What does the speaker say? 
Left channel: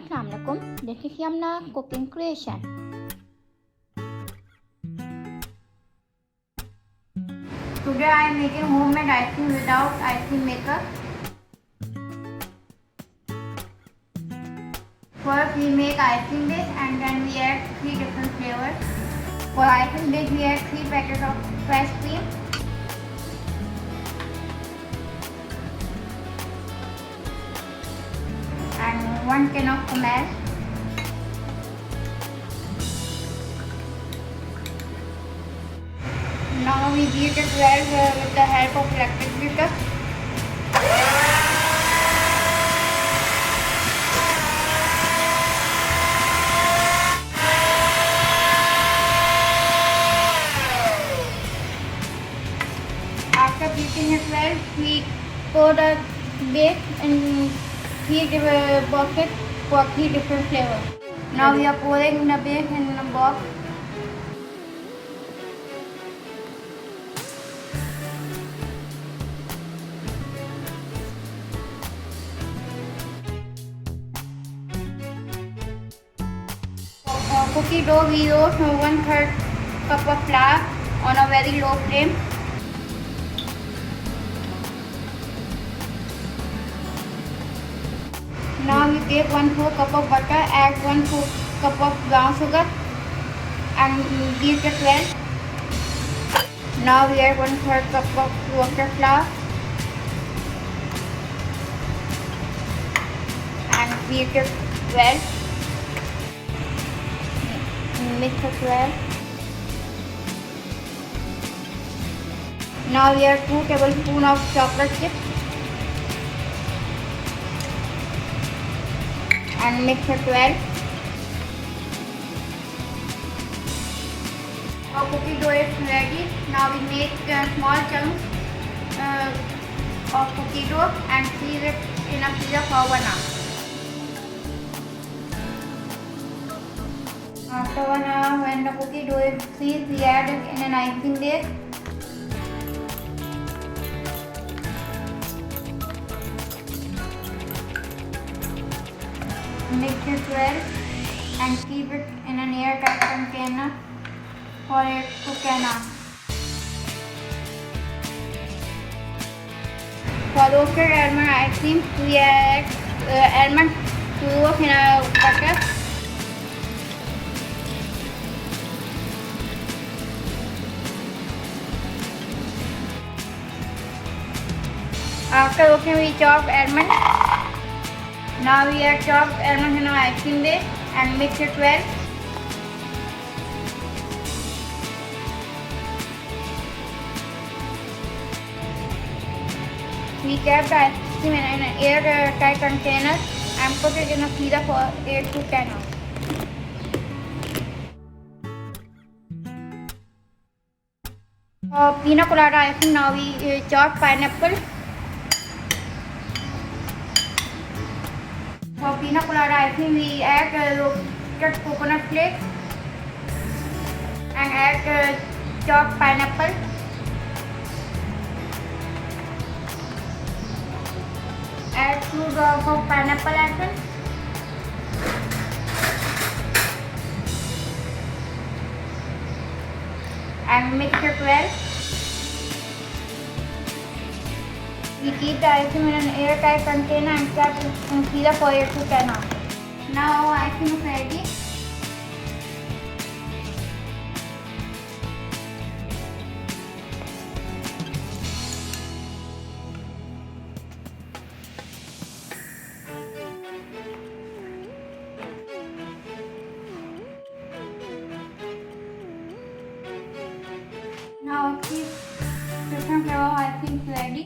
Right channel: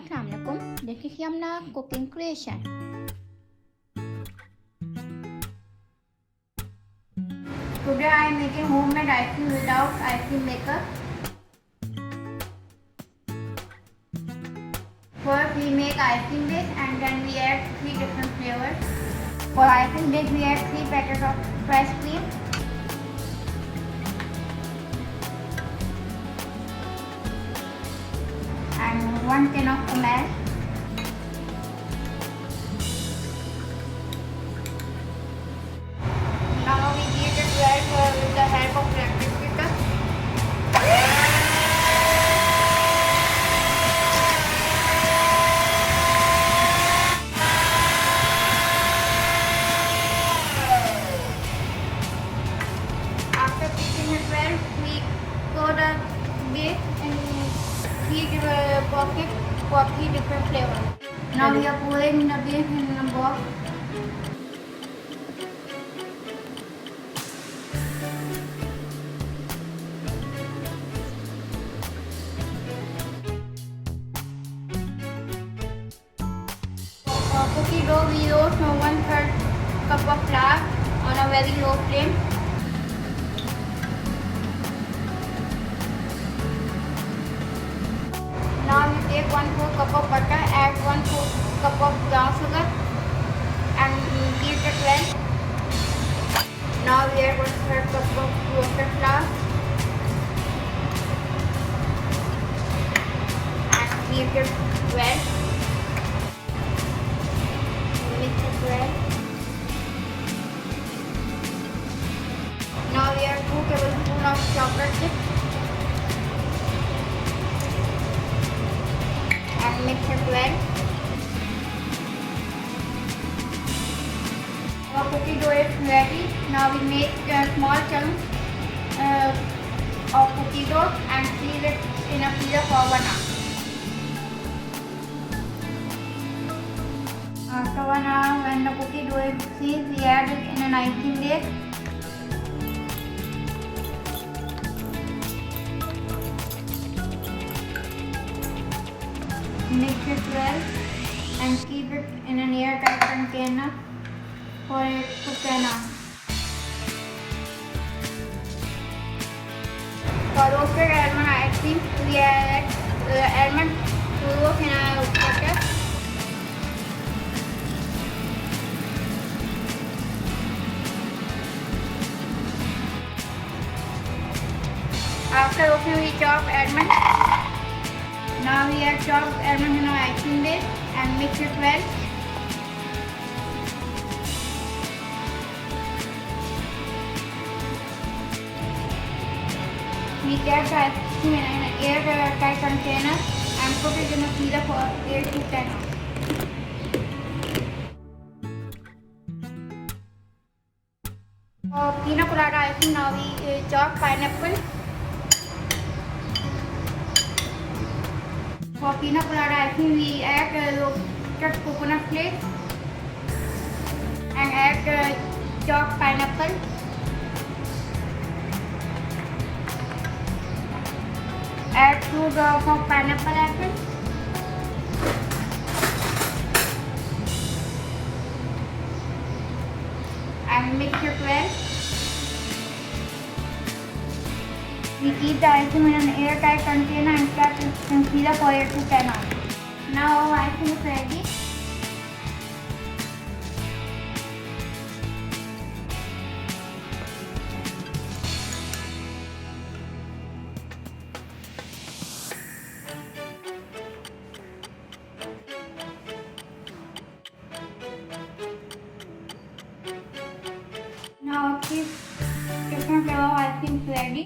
Assalamu alaikum. This is Yumna cooking creation. Today I am making homemade ice cream without ice cream maker. First we make ice cream base and then we add 3 different flavors. For ice cream base we add 3 packets of fresh cream. And 1 can of Almonds. Now we beat it well with the help of electric beater. After beating it well, we pour the base in 3 different buckets for 3 different flavors. Now we are pouring the base in a box. For cookie dough, we roast 1/3 cup of flour on a very low flame. Now we take 1/4 cup of butter, add 1/4 cup of brown sugar and beat it well. Now we add 1/3 cup of roasted flour and beat it well. Mix it well. Now we add 2 tablespoons of chocolate chips. Mix it well. Our cookie dough is ready. Now we make small chunks of cookie dough and freeze it in a freezer for 1 hour. After 1 hour, when the cookie dough is freezed, we add it in an ice cream base. Mix it well and keep it in an airtight container for it to can out. For roasted almond ice cream, we add almond cubes in a butter. After roasting, we chop almond. Now we add chopped almonds in our ice cream base and mix it well. We kept the ice cream in an airtight container and put it in a freezer for 8 to 10 hours. For Pina Colada ice cream, now we chop pineapple. For Pina Colada ice cream, we add roasted coconut flakes and add chopped pineapple. Add 2 drops of pineapple essence. And mix it well. We keep the ice cream in an airtight container and keep it in freezer for 8 to 10 hours. Now our ice cream is ready. Now our different flavor ice cream is ready.